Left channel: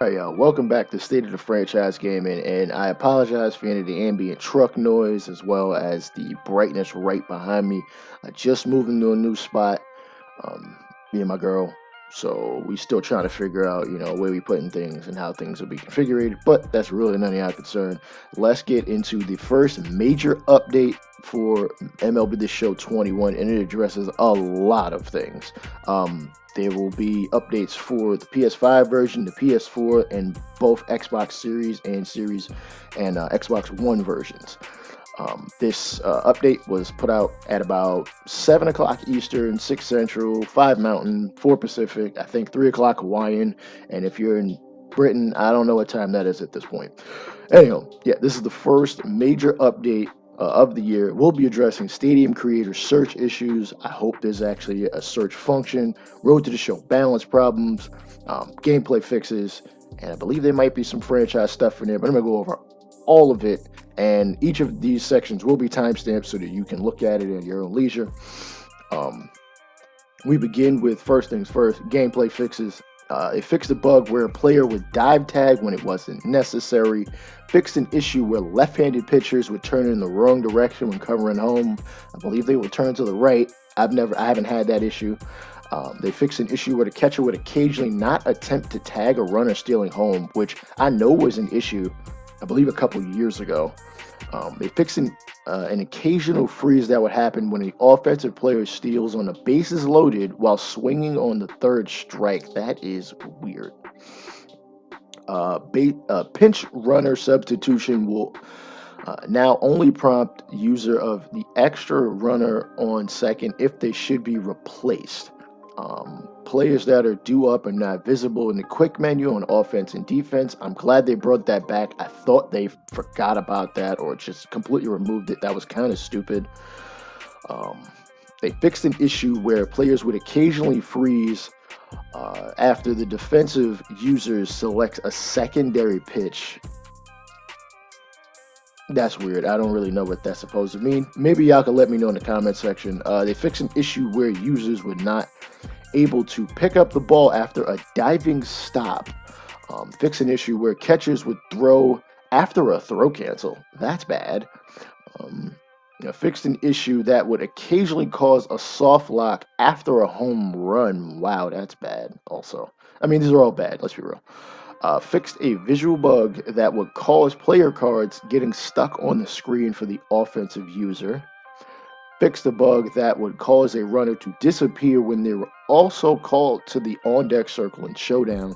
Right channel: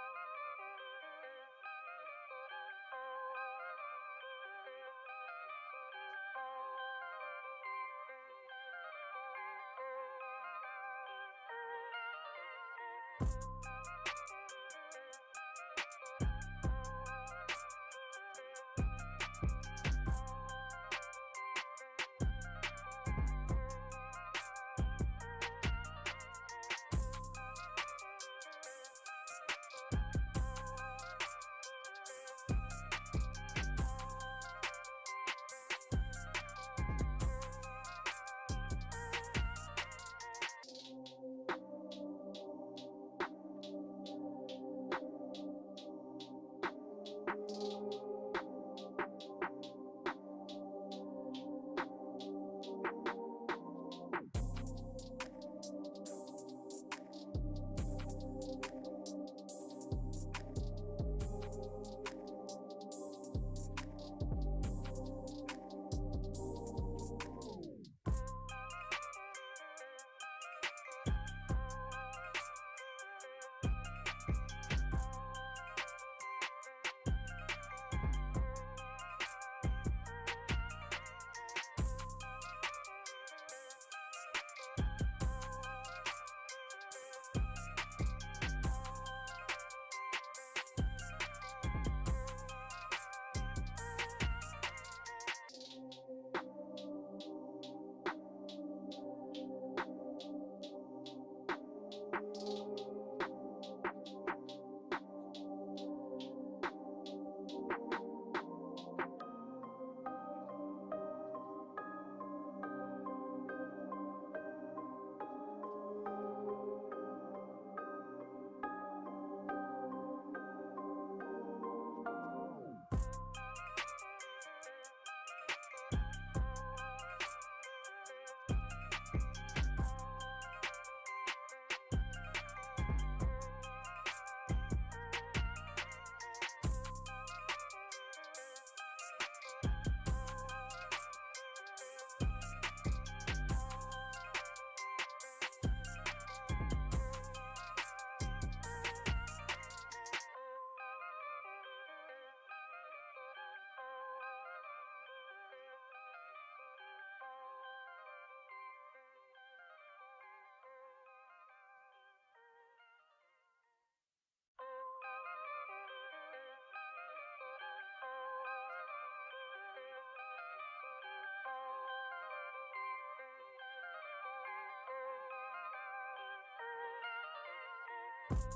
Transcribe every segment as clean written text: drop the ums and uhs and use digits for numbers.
Hey, welcome back to State of the Franchise Gaming, and I apologize for any of the ambient truck noise as well as the brightness right behind me. I just moved into a new spot, um, me and my girl, so we still trying to figure out, where we putting things and how things will be configured, but that's really none of our concern. Let's get into the first major update for MLB The Show 21, and it addresses a lot of things. There will be updates for the PS5 version, the PS4, and both Xbox Series and Xbox One versions. This update was put out at about 7 o'clock Eastern, 6 Central, 5 Mountain, 4 Pacific, I think 3 o'clock Hawaiian. And if you're in Britain, I don't know what time that is at this point. Anyhow, yeah, this is the first major update of the year. We'll be addressing stadium creator search issues. I hope there's actually a search function, road to the show balance problems, gameplay fixes, and I believe there might be some franchise stuff in there, but I'm going to go over all of it. And each of these sections will be timestamped so that you can look at it at your own leisure. We begin with first things first, gameplay fixes. It fixed a bug where a player would dive tag when it wasn't necessary. Fixed an issue where left-handed pitchers would turn in the wrong direction when covering home. I believe they would turn to the right. I haven't had that issue. They fixed an issue where the catcher would occasionally not attempt to tag a runner stealing home, which I know was an issue, I believe, a couple of years ago. They fixed an occasional freeze that would happen when the offensive player steals on the bases loaded while swinging on the third strike. That is weird. Pinch runner substitution will now only prompt user of the extra runner on second if they should be replaced. Players that are due up are not visible in the quick menu on offense and defense. I'm glad they brought that back. I thought they forgot about that or just completely removed it. That was kind of stupid. They fixed an issue where players would occasionally freeze after the defensive user selects a secondary pitch. That's weird. I don't really know what that's supposed to mean. Maybe y'all can let me know in the comment section. They fixed an issue where users would not able to pick up the ball after a diving stop. Fix an issue where catchers would throw after a throw cancel. That's bad. Fixed an issue that would occasionally cause a soft lock after a home run. Wow, that's bad also. I mean, these are all bad, let's be real. Fixed a visual bug that would cause player cards getting stuck on the screen for the offensive user. Fixed a bug that would cause a runner to disappear when they were also called to the on-deck circle in Showdown.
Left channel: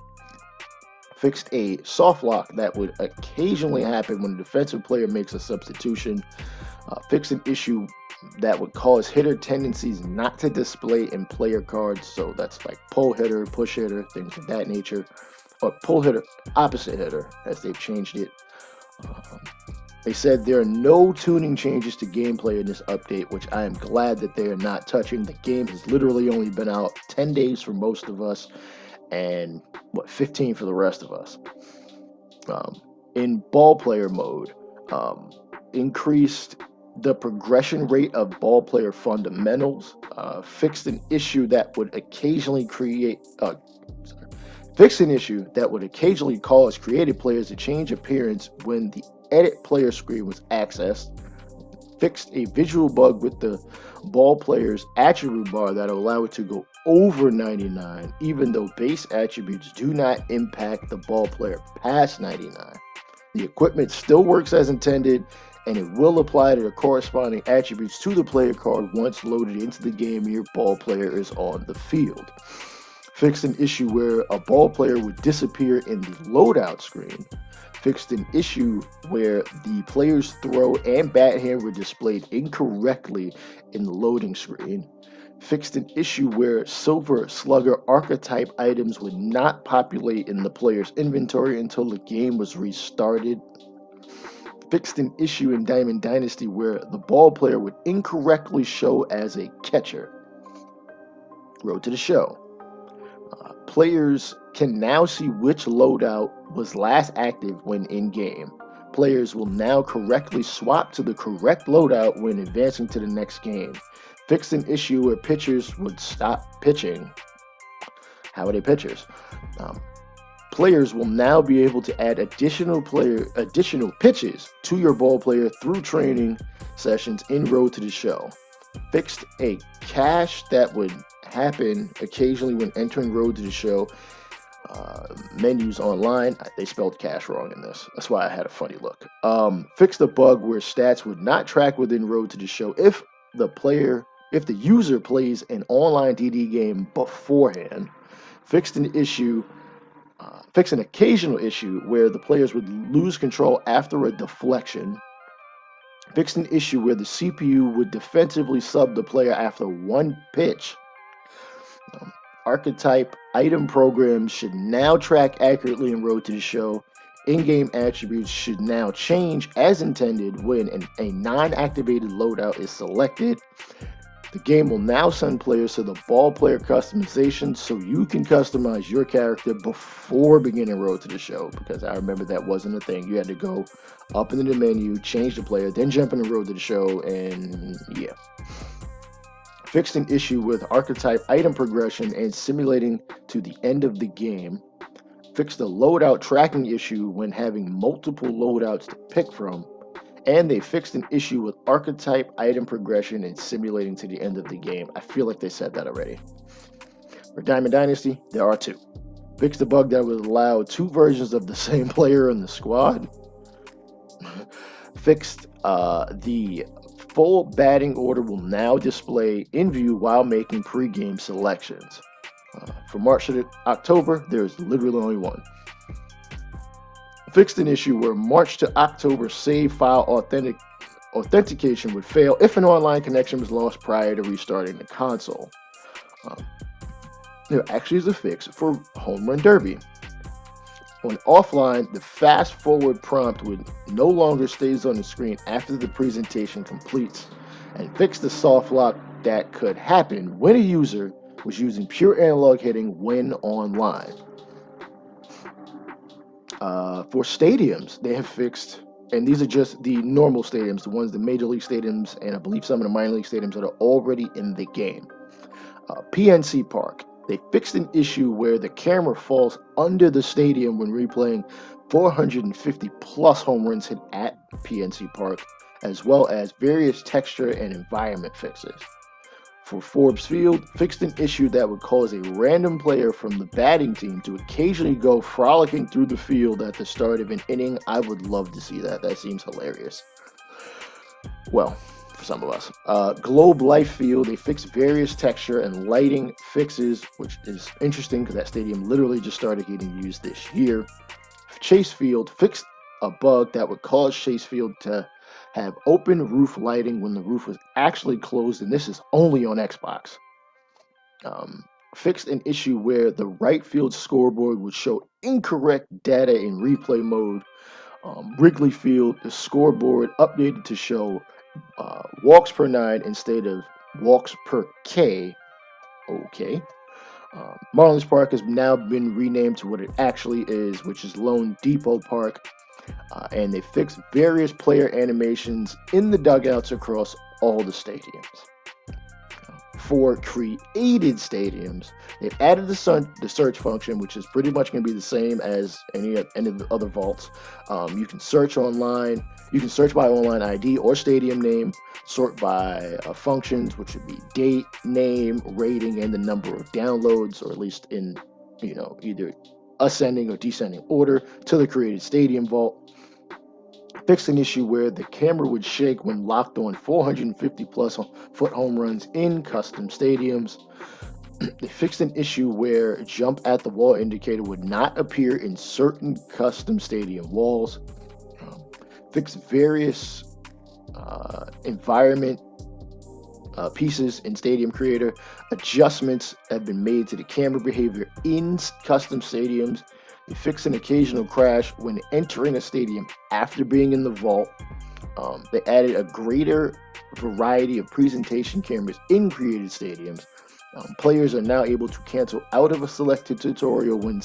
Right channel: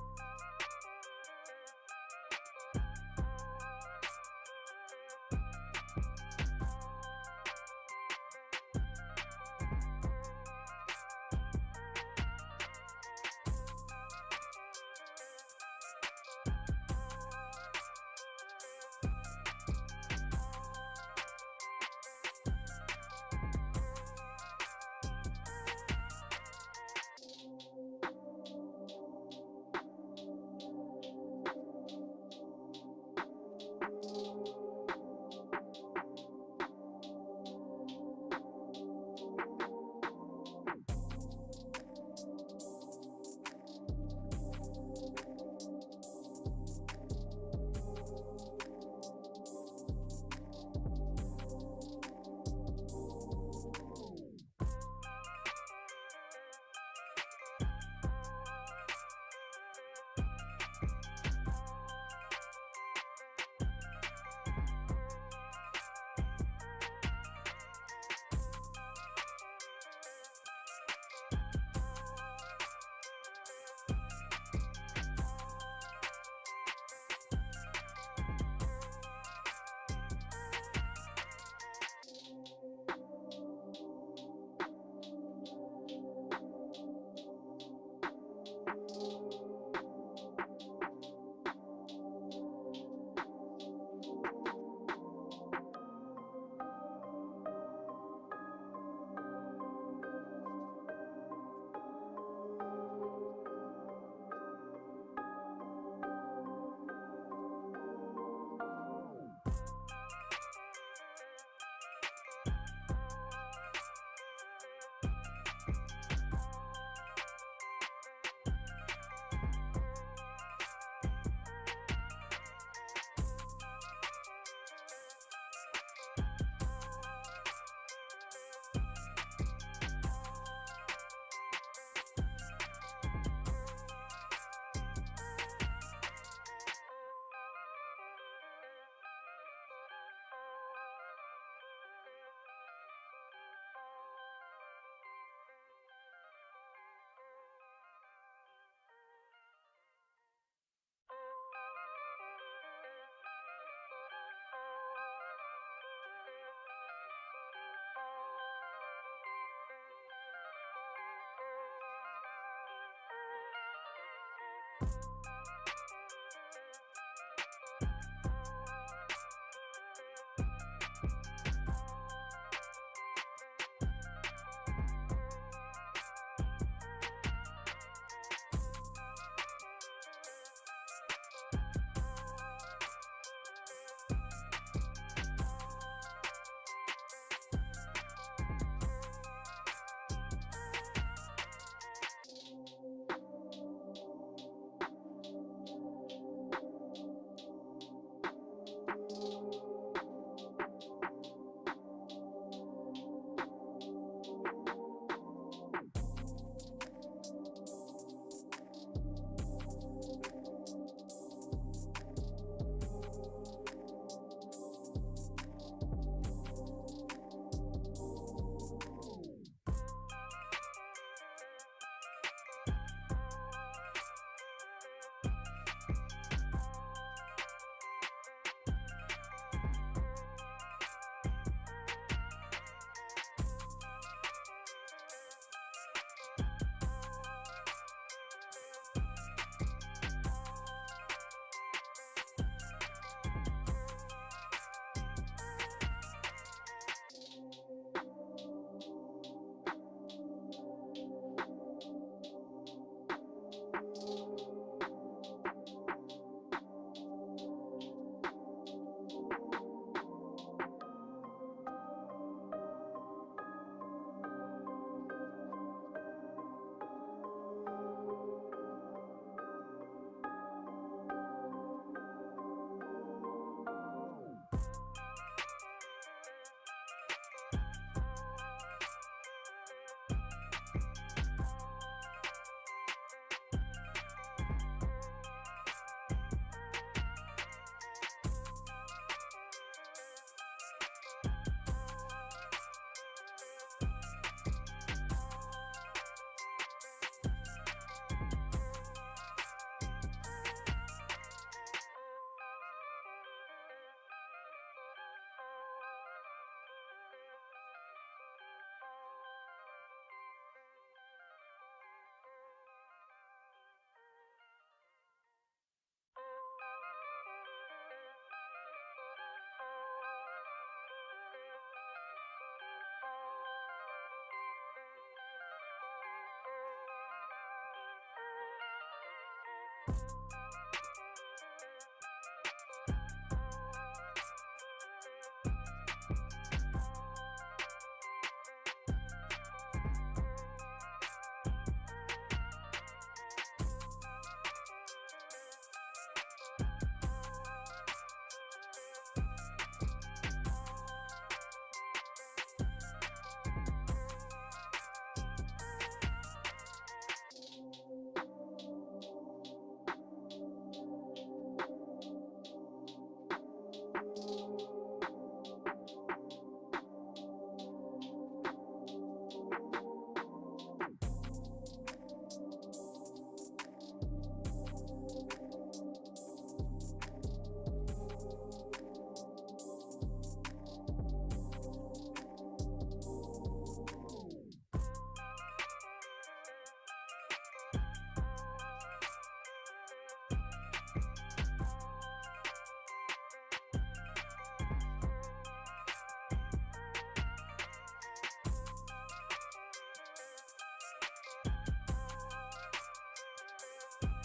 Fixed a soft lock that would occasionally happen when a defensive player makes a substitution. Fixed an issue that would cause hitter tendencies not to display in player cards. So that's like pull hitter, push hitter, things of that nature. Or pull hitter, opposite hitter, as they've changed it. They said there are no tuning changes to gameplay in this update, which I am glad that they are not touching. The game has literally only been out 10 days for most of us, and 15 for the rest of us. In Ballplayer mode, increased the progression rate of Ballplayer fundamentals, fixed an issue that would occasionally cause creative players to change appearance when the edit player screen was accessed. Fixed a visual bug with the ball player's attribute bar that allow it to go over 99, even though base attributes do not impact the ball player past 99. The equipment still works as intended, and it will apply to the corresponding attributes to the player card once loaded into the game and your ball player is on the field. Fixed an issue where a ball player would disappear in the loadout screen. Fixed an issue where the player's throw and bat hand were displayed incorrectly in the loading screen. Fixed an issue where Silver Slugger archetype items would not populate in the player's inventory until the game was restarted. Fixed an issue in Diamond Dynasty where the ball player would incorrectly show as a catcher. Road to the show. Players can now see which loadout was last active when in-game. Players will now correctly swap to the correct loadout when advancing to the next game. Fixed an issue where pitchers would stop pitching. How are they pitchers? Players will now be able to add additional pitches to your ball player through training sessions en route to the show. Fixed a cache that would happen occasionally when entering road to the show menus online. They spelled cache wrong in this. That's why I had a funny look. Fixed a bug where stats would not track within road to the show if the user plays an online DD game beforehand. Fixed an occasional issue where the players would lose control after a deflection. Fixed an issue where the CPU would defensively sub the player after one pitch. Archetype item programs should now track accurately en road to the show. In-game attributes should now change as intended when a non-activated loadout is selected. The game will now send players to the Ballplayer customization so you can customize your character before beginning road to the show, because I remember that wasn't a thing. You had to go up into the menu, change the player, then jump in the road to the show, and yeah. Fixed an issue with archetype item progression and simulating to the end of the game. Fixed a loadout tracking issue when having multiple loadouts to pick from. And they fixed an issue with archetype item progression and simulating to the end of the game. I feel like they said that already. For Diamond Dynasty, there are two. Fixed a bug that would allow two versions of the same player in the squad. Fixed the full batting order will now display in view while making pre-game selections. From March to October, there's literally only one. Fixed an issue where March to October save file authentication would fail if an online connection was lost prior to restarting the console. There actually is a fix for Homerun Derby. On offline, the fast forward prompt would no longer stays on the screen after the presentation completes, and fix the soft lock that could happen when a user was using pure analog hitting when online. For stadiums, they have fixed, and these are just the normal stadiums, the ones, the major league stadiums, and I believe some of the minor league stadiums that are already in the game. PNC Park, they fixed an issue where the camera falls under the stadium when replaying 450 plus home runs hit at PNC Park, as well as various texture and environment fixes. For Forbes Field, fixed an issue that would cause a random player from the batting team to occasionally go frolicking through the field at the start of an inning. I would love to see that. That seems hilarious. Well, for some of us. Globe Life Field, they fixed various texture and lighting fixes, which is interesting because that stadium literally just started getting used this year. Chase Field fixed a bug that would cause Chase Field to have open roof lighting when the roof was actually closed, and this is only on Xbox. Fixed an issue where the right field scoreboard would show incorrect data in replay mode. Wrigley Field, the scoreboard updated to show walks per 9 instead of walks per K. Okay. Marlins Park has now been renamed to what it actually is, which is Lone Depot Park. And they fixed various player animations in the dugouts across all the stadiums. For created stadiums, they've added the search function, which is pretty much going to be the same as any of the other vaults. You can search online. You can search by online ID or stadium name, sort by functions, which would be date, name, rating, and the number of downloads, or at least in either ascending or descending order to the created stadium vault. Fixed an issue where the camera would shake when locked on 450 plus foot home runs in custom stadiums. They fixed an issue where jump at the wall indicator would not appear in certain custom stadium walls. Fixed various environment pieces in Stadium Creator. Adjustments have been made to the camera behavior in custom stadiums. They fixed an occasional crash when entering a stadium after being in the vault. They added a greater variety of presentation cameras in created stadiums. Players are now able to cancel out of a selected tutorial when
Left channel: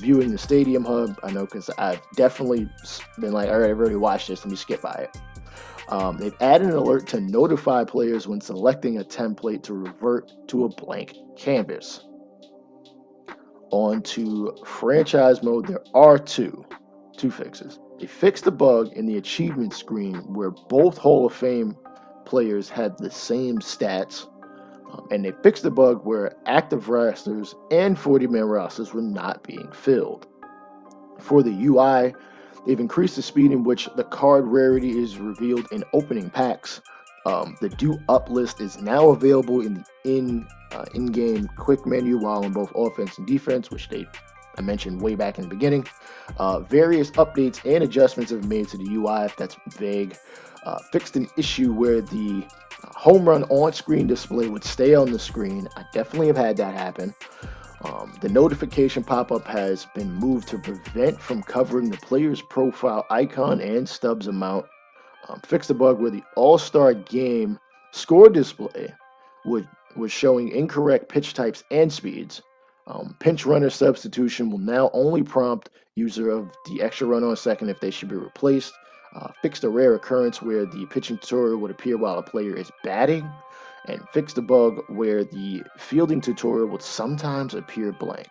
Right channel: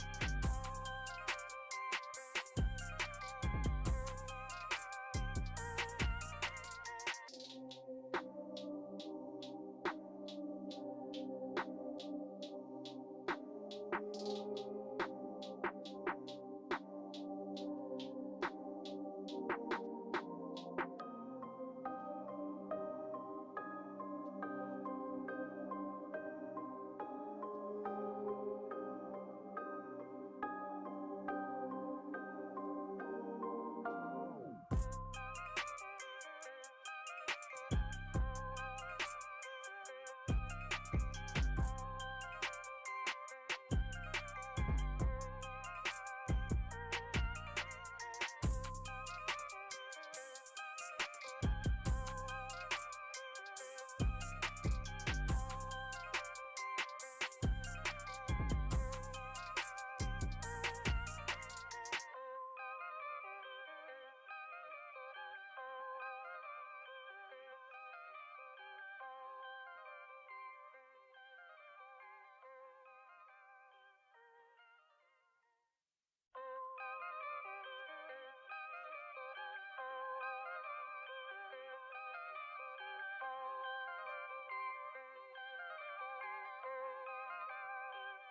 viewing the Stadium Hub. I know because I've definitely been like, all right, I've already watched this, let me skip by it. They've added an alert to notify players when selecting a template to revert to a blank canvas. On to franchise mode, there are two fixes. They fixed the bug in the achievement screen where both Hall of Fame players had the same stats, and they fixed the bug where active rosters and 40-man rosters were not being filled. For the UI, they've increased the speed in which the card rarity is revealed in opening packs. The Do Up list is now available in the in-game quick menu while in both offense and defense, which I mentioned way back in the beginning. Various updates and adjustments have been made to the UI, if that's vague. Fixed an issue where the Homerun on-screen display would stay on the screen. I definitely have had that happen. The notification pop-up has been moved to prevent from covering the player's profile icon and stubs amount. Fixed the bug where the All-Star Game score display was showing incorrect pitch types and speeds. Pinch runner substitution will now only prompt user of the extra run on second if they should be replaced. Fixed a rare occurrence where the pitching tutorial would appear while a player is batting, and fixed the bug where the fielding tutorial would sometimes appear blank.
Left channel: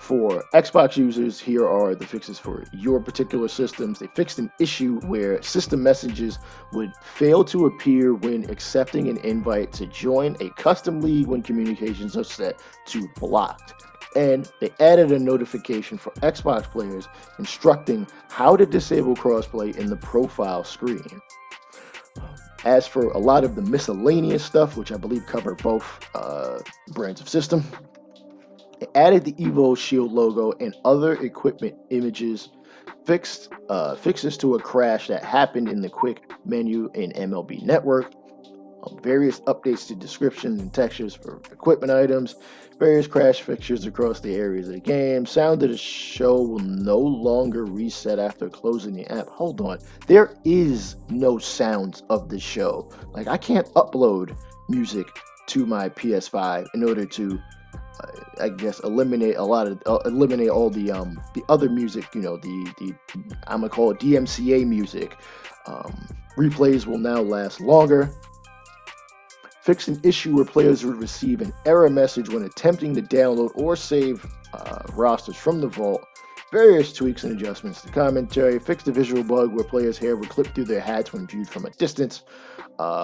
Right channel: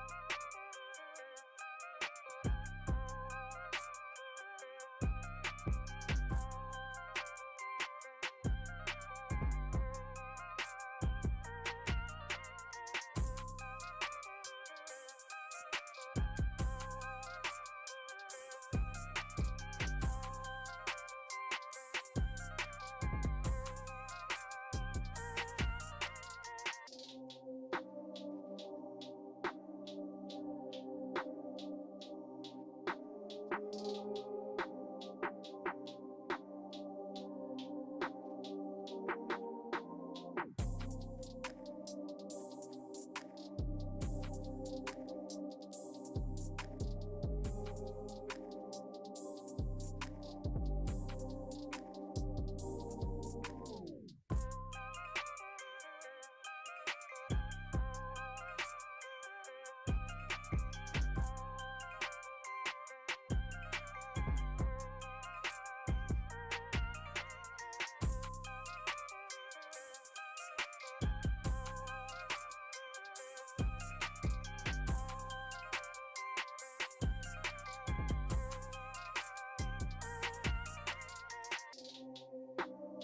For Xbox users, here are the fixes for your particular systems. They fixed an issue where system messages would fail to appear when accepting an invite to join a custom league when communications are set to blocked. And they added a notification for Xbox players instructing how to disable crossplay in the profile screen. As for a lot of the miscellaneous stuff, which I believe cover both brands of system, they added the Evo Shield logo and other equipment images, fixes to a crash that happened in the quick menu in MLB Network, various updates to descriptions and textures for equipment items, various crash fixtures across the areas of the game. Sound of the show will no longer reset after closing the app. Hold on, there is no sounds of the show. Like, I can't upload music to my PS5 in order to I guess eliminate all the other music, the I'm gonna call it DMCA music. Replays will now last longer. Fix an issue where players would receive an error message when attempting to download or save rosters from the vault. Various tweaks and adjustments to commentary. Fix the visual bug where players' hair would clip through their hats when viewed from a distance.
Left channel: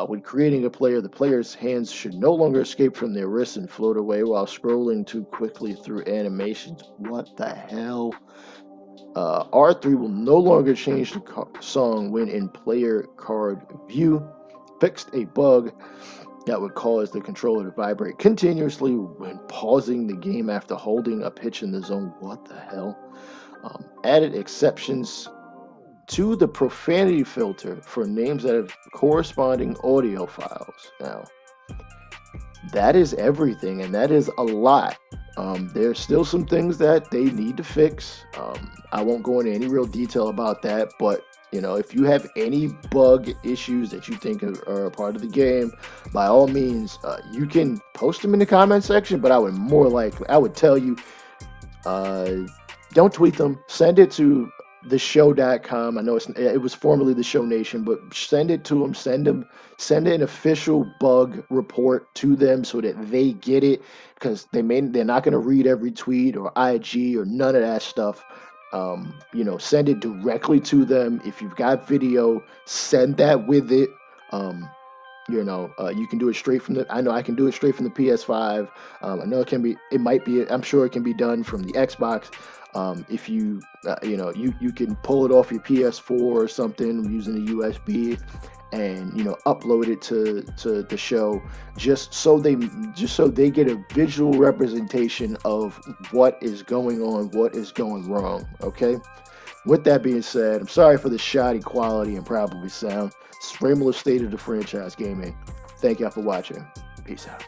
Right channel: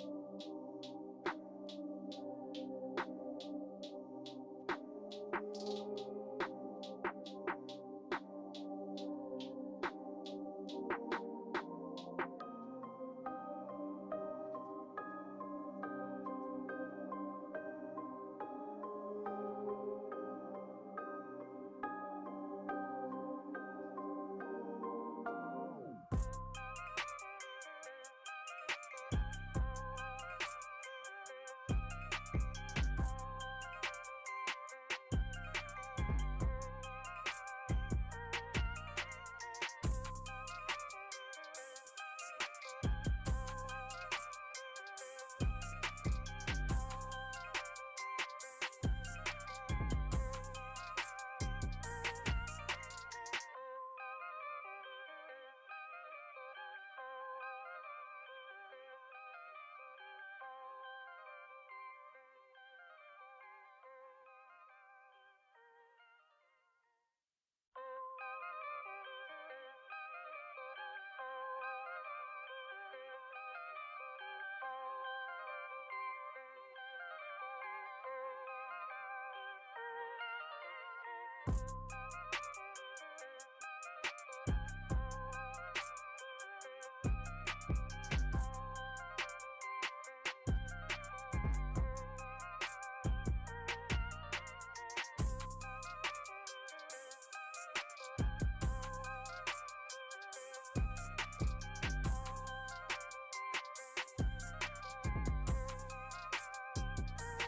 When creating a player, the player's hands should no longer escape from their wrists and float away while scrolling too quickly through animations. What the hell? R3 will no longer change the song when in player card view. Fixed a bug that would cause the controller to vibrate continuously when pausing the game after holding a pitch in the zone. What the hell? Added exceptions to the profanity filter for names that have corresponding audio files. Now, that is everything, and that is a lot. There's still some things that they need to fix. I won't go into any real detail about that, but if you have any bug issues that you think are a part of the game, by all means, you can post them in the comment section, but I would tell you, don't tweet them. Send it to theshow.com. I know it was formerly the Show Nation, but send it to them. Send an official bug report to them so that they get it, because they're not going to read every tweet or IG or none of that stuff. Send it directly to them. If you've got video, send that with it. You can do it straight from I know I can do it straight from the PS5. I know I'm sure it can be done from the Xbox. If you can pull it off your PS4 or something using a USB and upload it to the show, just so they get a visual representation of what is going on, what is going wrong. Okay. With that being said, I'm sorry for the shoddy quality and probably sound. It's Raymond State of the Franchise Gaming. Thank y'all for watching. Peace out.